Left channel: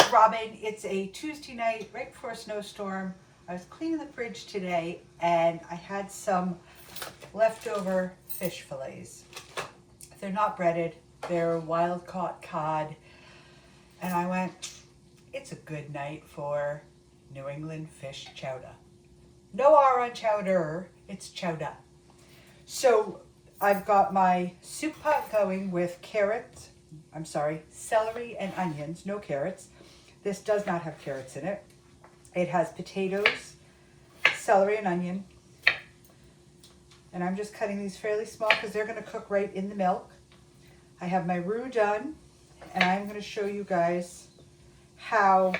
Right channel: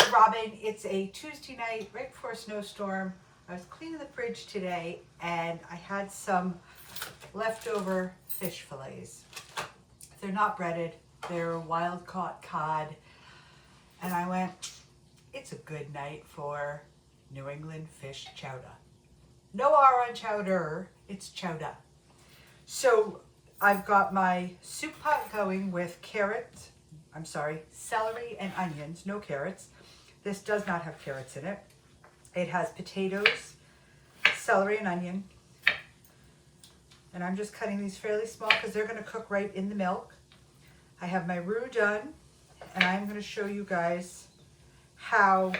it's Robin. It's a Tuesday night right before a snowstorm. I was cleaning the fridge today and I had some leftover fish fillets. They're not breaded, they're wild caught cod. And I went, it's a good night for New England fish chowda. No R on chowder, it's chowda. So I've got my soup pot going with celery and onions, no carrots. This does not have carrots in it. It has potatoes, celery and onion. And I'm just cutting these fairly small because they're going to cook right in the milk. I have my roux done, and I'm going to show you guys how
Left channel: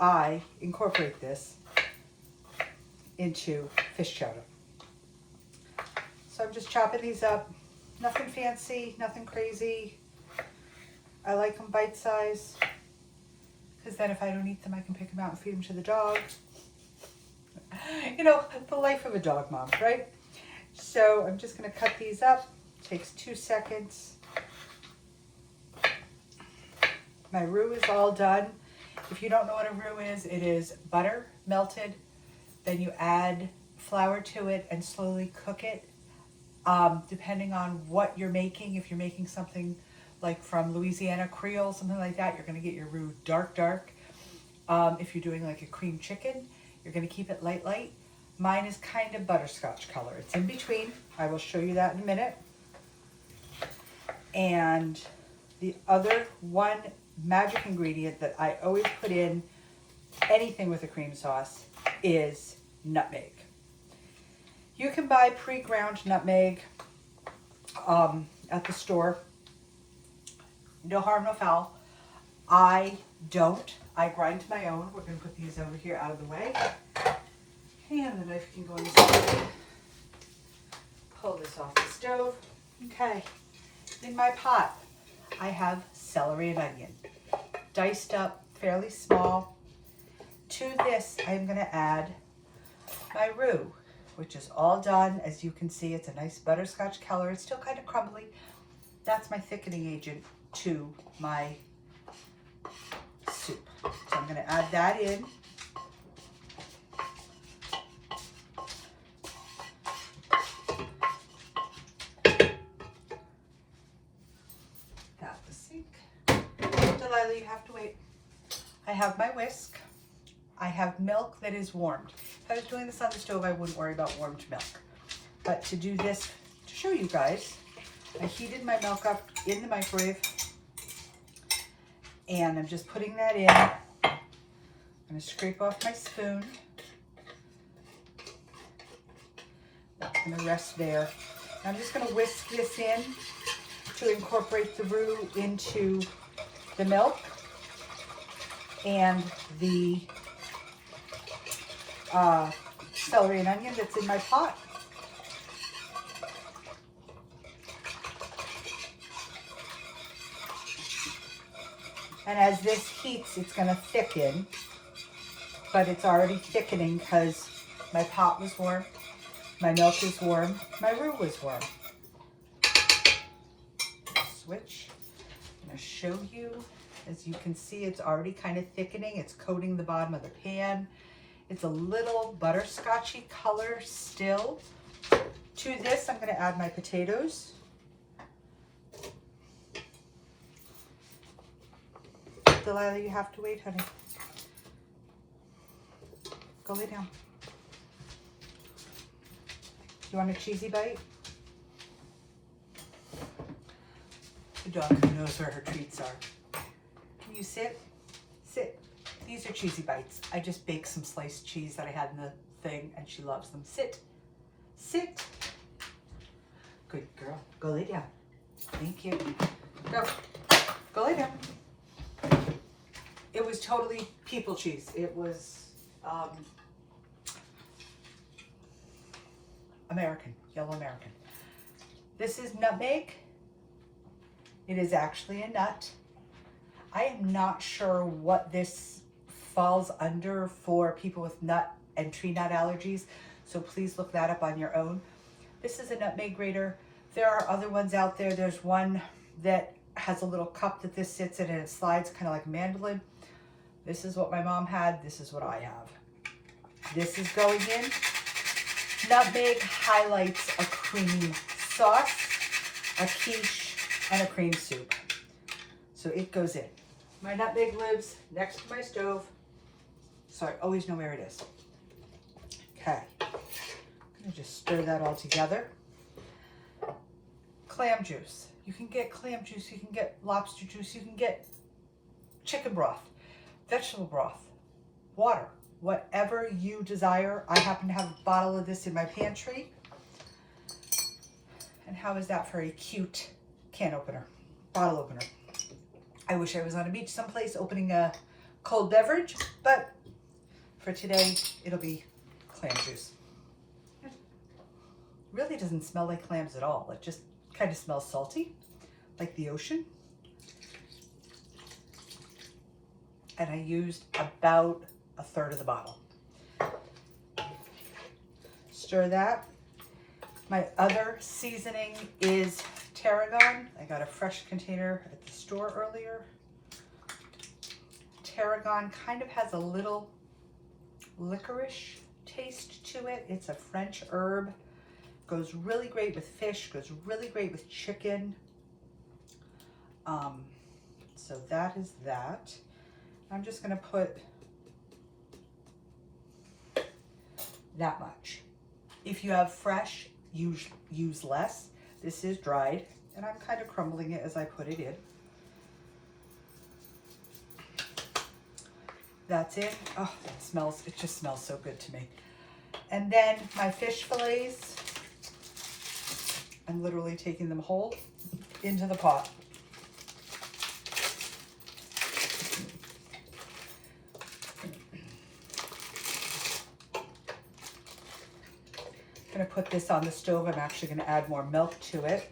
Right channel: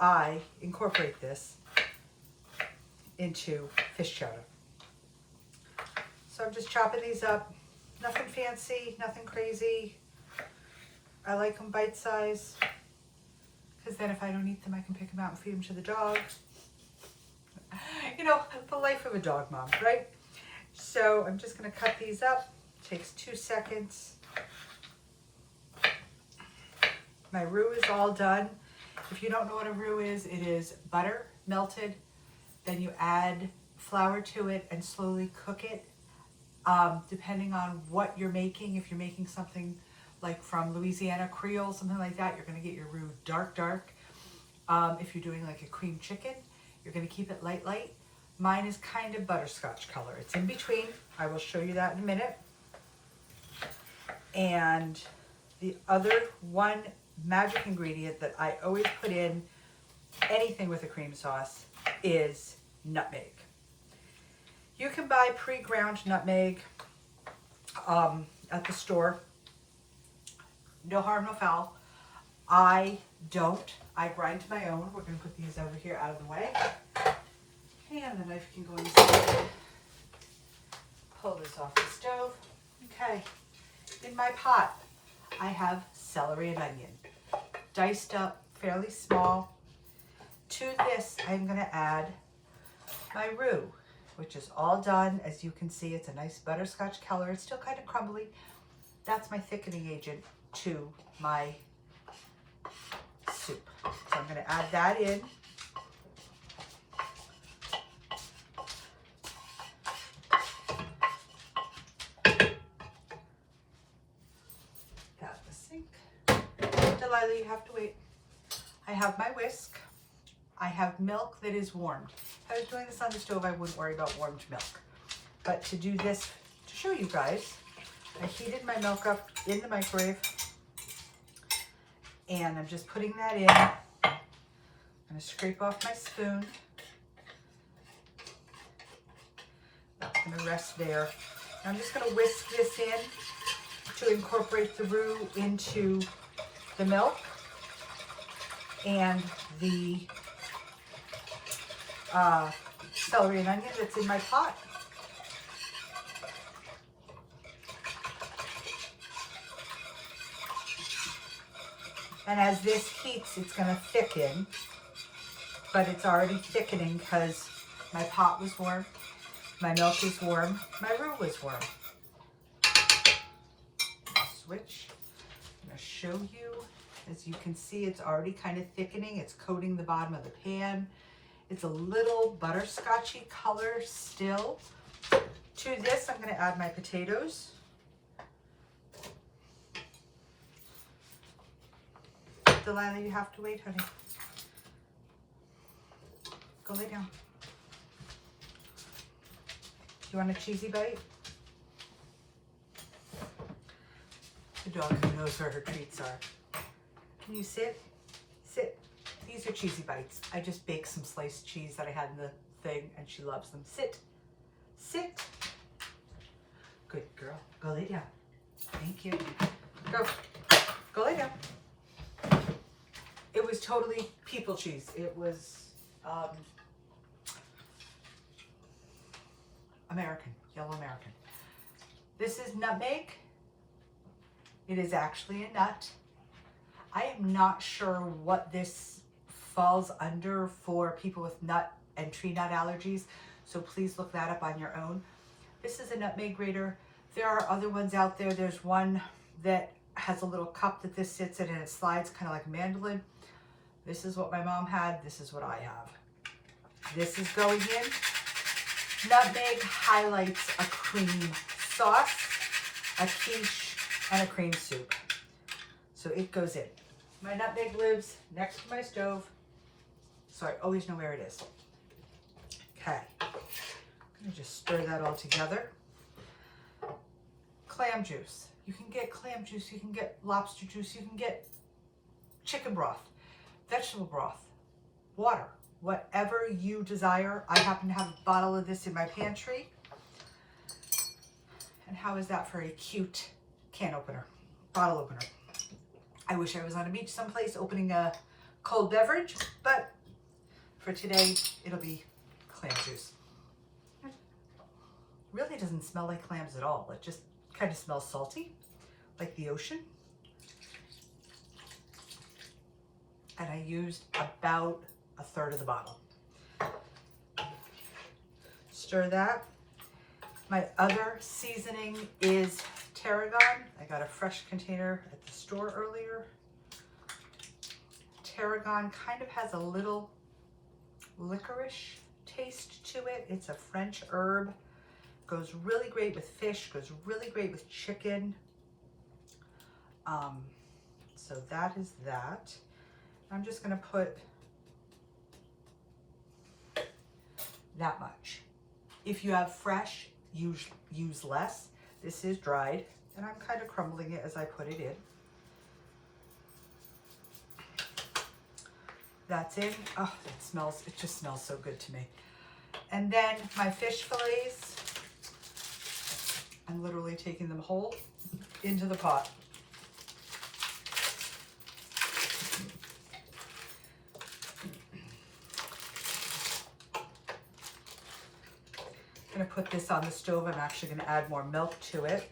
I incorporate this into fish chowder. So I'm just chopping these up. Nothing fancy, nothing crazy. I like them bite size because then if I don't eat them, I can pick them out and feed them to the dog. You know, the life of a dog mom, right? So I'm just going to cut these up. Takes 2 seconds. My roux is all done. If you don't know what a roux is, it is butter melted. Then you add flour to it and slowly cook it. Depending on what you're making, if you're making something like from Louisiana Creole, something like that, you're going to get your roux dark. If you're doing like a cream chicken, you're going to keep it light. Mine is kind of butterscotch color. It's in between. I will show you that in a minute. And the other one magic ingredient that I always put in anything with a cream sauce is nutmeg. You can buy pre-ground nutmeg at the store. No harm, no foul. I don't. I grind my own. We're going to put these over here out of the way. And the knife can go inside. Pull this off the stove. Okay. In my pot, I have celery and onion. Diced up, fairly small. To this, I'm going to add my roux, which is all done. As you can see, it's a nice butterscotch color. It's still kind of crumbly. That's my thickening agent to my soup. So I'm going to add that in. Got the sink. Delilah, you have to wait. I have my whisk. I have milk that is warmed. If I was doing this on the stove, I wouldn't worry about warmed milk. But to do this, to show you guys, I heated my milk up in the microwave. And I'm just putting that in. I'm going to scrape off my spoon. That's going to rest there. I'm just going to whisk this in to incorporate the roux into the milk and the celery and onion that's in my pot. And as this heats, it's going to thicken, but it's already thickening because my pot was warm, my milk is warm, my roux was warm. Switch. I'm going to show you. As you can see, it's already kind of thickening. It's coating the bottom of the pan. It's a little butterscotchy color still. To this, I'm going to add my potatoes. Delilah, you have to wait, honey. Go lay down. You want a cheesy bite? The dog knows where her treats are. Can you sit? Sit. These are cheesy bites. I just baked some sliced cheese that I had in the thing, and she loves them. Sit. Sit. Good girl. Go lay down. Thank you. Go. Go lay down. It was totally people cheese. It was American, yellow American. This is nutmeg. It is actually a nut. I am not sure what this falls under for people with nut and tree nut allergies, so please look that up on your own. This is a nutmeg grater. There are other ones out there. There's one that has a little cup that this sits in and it slides kind of like a mandolin. This is what my mom had. This is what I have. This is going in. Nutmeg highlights a cream sauce, a quiche, and a cream soup. So it goes in. My nutmeg lives next to my stove, so I always know where it is. Okay, I'm gonna just stir that all together. Clam juice. You can get clam juice, you can get lobster juice, you can get chicken broth, vegetable broth, water, whatever you desire. I happen to have a bottle of this in my pantry. And how is that for a cute can opener, bottle opener? I wish I was on a beach someplace opening a cold beverage, but for today, it'll be clam juice. It really doesn't smell like clams at all. It just kind of smells salty, like the ocean. And I used about a third of the bottle. Stir that. My other seasoning is tarragon. I got a fresh container at the store earlier. Tarragon kind of has a little licorice taste to it. It's a French herb. Goes really great with fish, goes really great with chicken. So that is that. I'm just gonna put that much. If you have fresh, use less. This is dried, and I'm kind of crumbling it as I put it in. That's it. Oh, it just smells so good to me. And then my fish fillets, I'm literally taking them whole into the pot. I'm gonna put this on the stove. I'm actually gonna add more milk to it.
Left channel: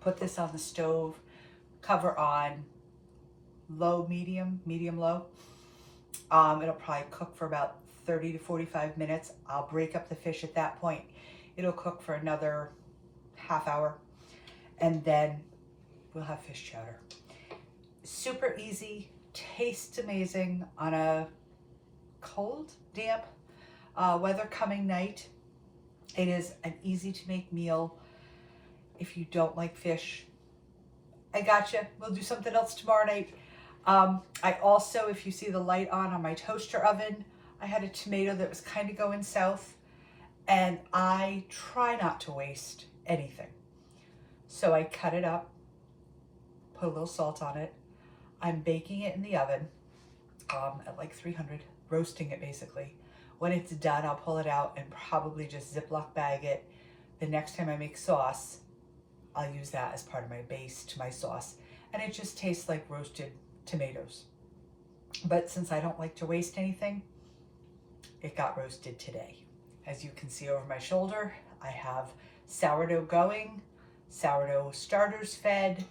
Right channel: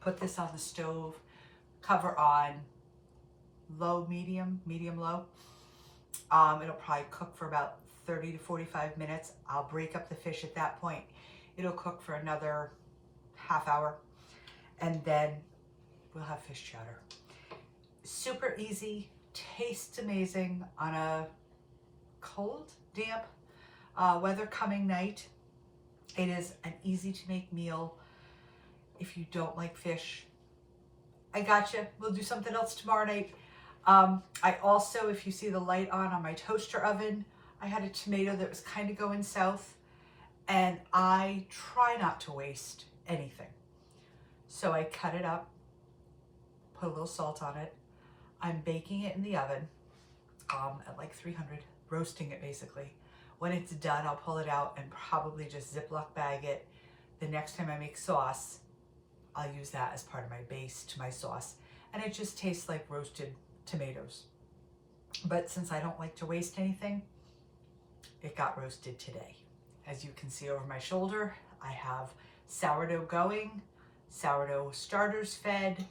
Put this on the stove, cover on low, medium, low. It'll probably cook for about 30 to 45 minutes. I'll break up the fish at that point. It'll cook for another half hour, and then we'll have fish chowder. Super easy, tastes amazing on a cold, damp, weather coming night. It is an easy to make meal. If you don't like fish, I gotcha. We'll do something else tomorrow night. I also, if you see the light on my toaster oven, I had a tomato that was kind of going south, and I try not to waste anything. So I cut it up, put a little salt on it. I'm baking it in the oven at like 300, roasting it basically. When it's done, I'll pull it out and probably just Ziploc bag it. The next time I make sauce, I'll use that as part of my base to my sauce. And it just tastes like roasted tomatoes. But since I don't like to waste anything, it got roasted today. As you can see over my shoulder, I have sourdough going, sourdough starters fed.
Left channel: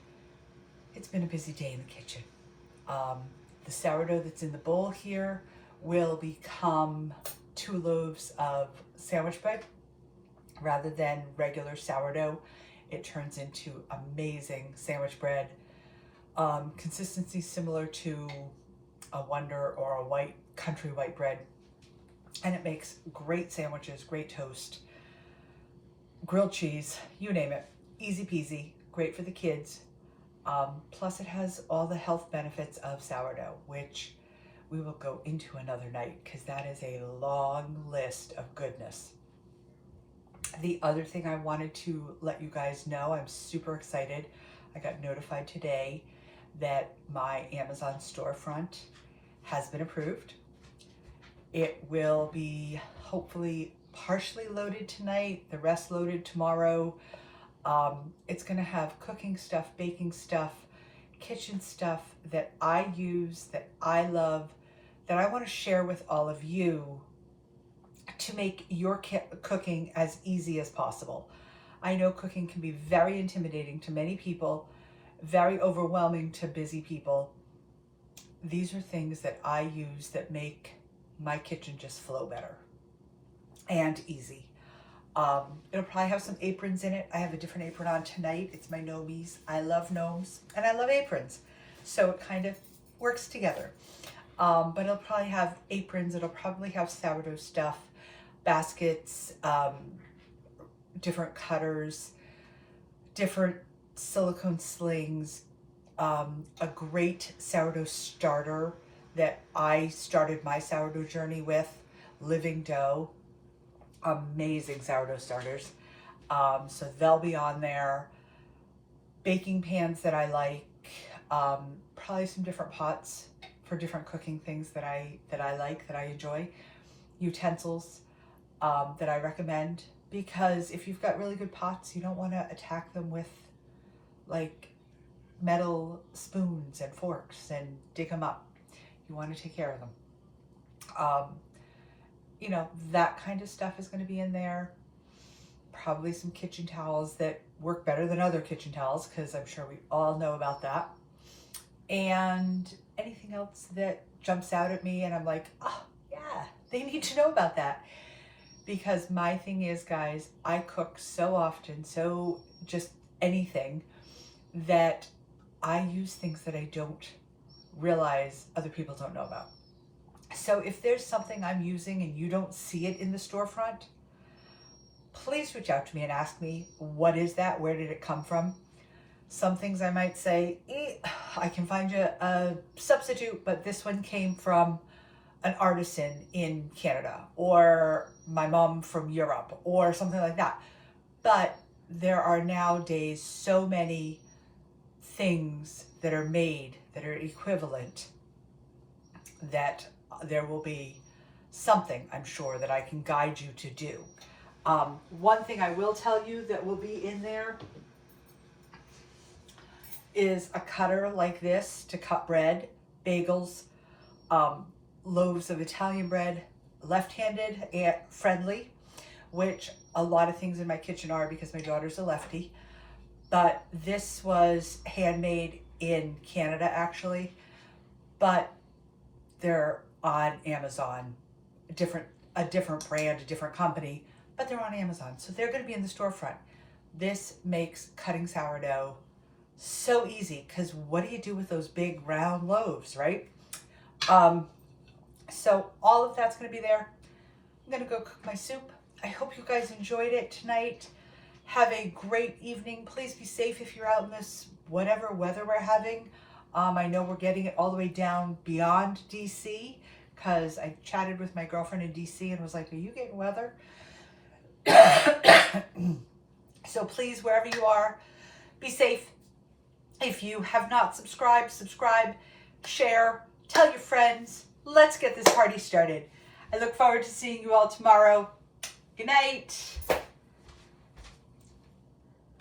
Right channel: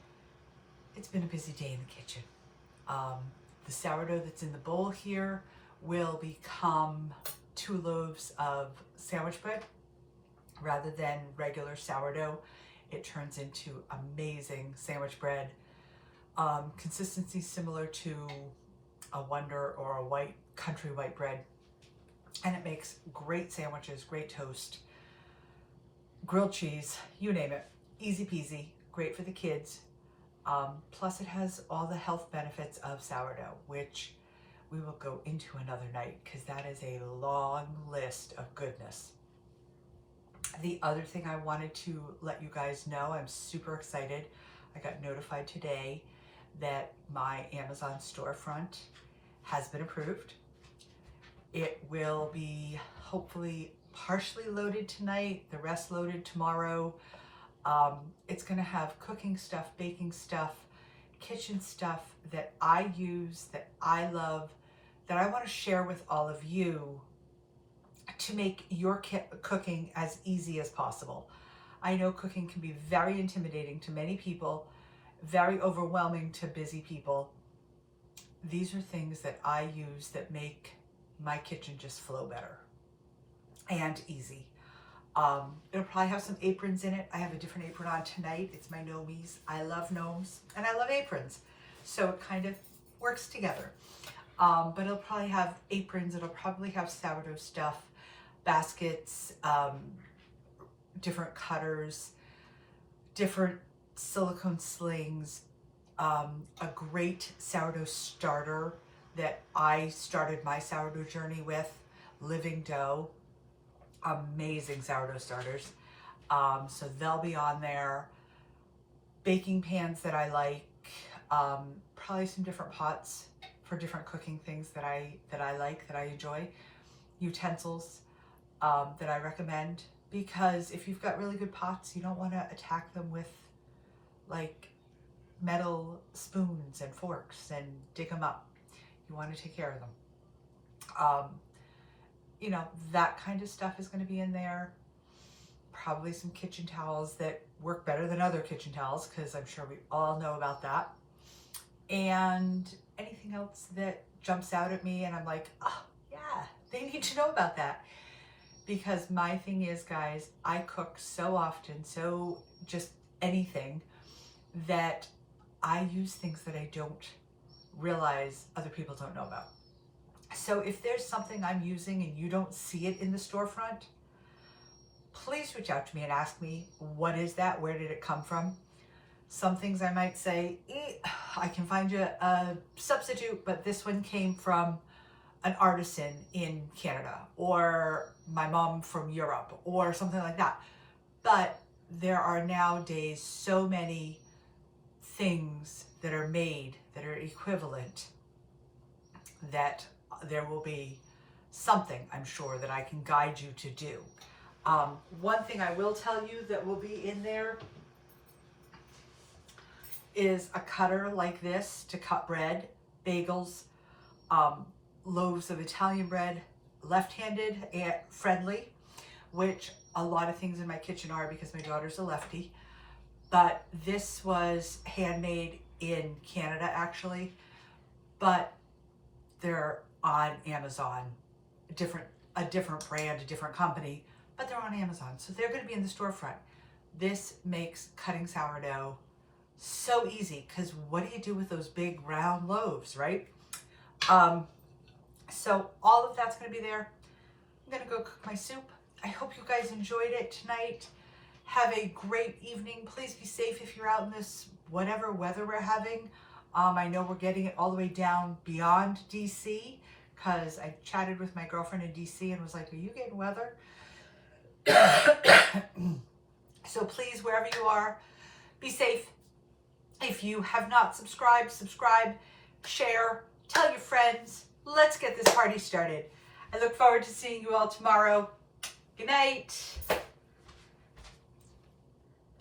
It's been a busy day in the kitchen. The sourdough that's in the bowl here will become 2 loaves of sandwich bread. Rather than regular sourdough, it turns into amazing sandwich bread. Consistency similar to a Wonder or a white country white bread. And it makes great sandwiches, great toast, grilled cheese, you name it. Easy peasy, great for the kids. Plus it has all the health benefits of sourdough, which we will go into another night because that is a long list of goodness. The other thing I wanted to let you guys know, I'm super excited. I got notified today that my Amazon storefront has been approved. It will be hopefully partially loaded tonight, the rest loaded tomorrow. It's gonna have cooking stuff, baking stuff, kitchen stuff that I use, that I love, that I want to share with all of you to make your cooking as easy as possible. I know cooking can be very intimidating to many people, very overwhelming to busy people. These are things that I use that make my kitchen just flow better and easy. It'll probably have some aprons in it. I have a different apron on tonight. It's my gnomies. I love gnomes and I love aprons. So it kind of works together. But it'll probably have aprons. It'll probably have sourdough stuff, baskets, different cutters, different silicone slings, a great sourdough starter that I started my sourdough journey with, Living Dough. Amazing sourdough starters. So they'll be on there. Baking pans that I like, probably some different pots for different cooking things that I like, that I enjoy. Utensils that I recommend, because if you've got really good pots, you don't want to attack them with like metal spoons and forks and dig them up. You want to take care of them. You know, that kind of stuff is going to be in there. Probably some kitchen towels that work better than other kitchen towels, because I'm sure we all know about that. And anything else that jumps out at me and I'm like, oh yeah, they need to know about that. Because my thing is, guys, I cook so often, so just anything, that I use things that I don't realize other people don't know about. So if there's something I'm using and you don't see it in the storefront, please reach out to me and ask me, what is that? Where did it come from? Some things I might say, I can find you a substitute, but this one came from an artisan in Canada, or my mom from Europe, or something like that. But there are nowadays so many things that are made that are equivalent, that there will be something, I'm sure, that I can guide you to do. One thing I will tell you that will be in there is a cutter like this to cut bread, bagels, loaves of Italian bread, left-handed and friendly, which a lot of things in my kitchen are because my daughter's a lefty. But this was handmade in Canada, actually, but they're on Amazon, a different brand, a different company, but they're on Amazon. So they're going to be in the storefront. This makes cutting sourdough so easy, because what do you do with those big round loaves, right? So all of that's going to be there. I'm going to go cook my soup. I hope you guys enjoyed it tonight. Have a great evening. Please be safe if you're out in this whatever weather we're having. I know we're getting it all the way down beyond DC, because I chatted with my girlfriend in DC and was like, are you getting weather? So please, wherever you are, be safe. If you have not subscribed, subscribe, share, tell your friends. Let's get this party started. I look forward to seeing you all tomorrow. Good night.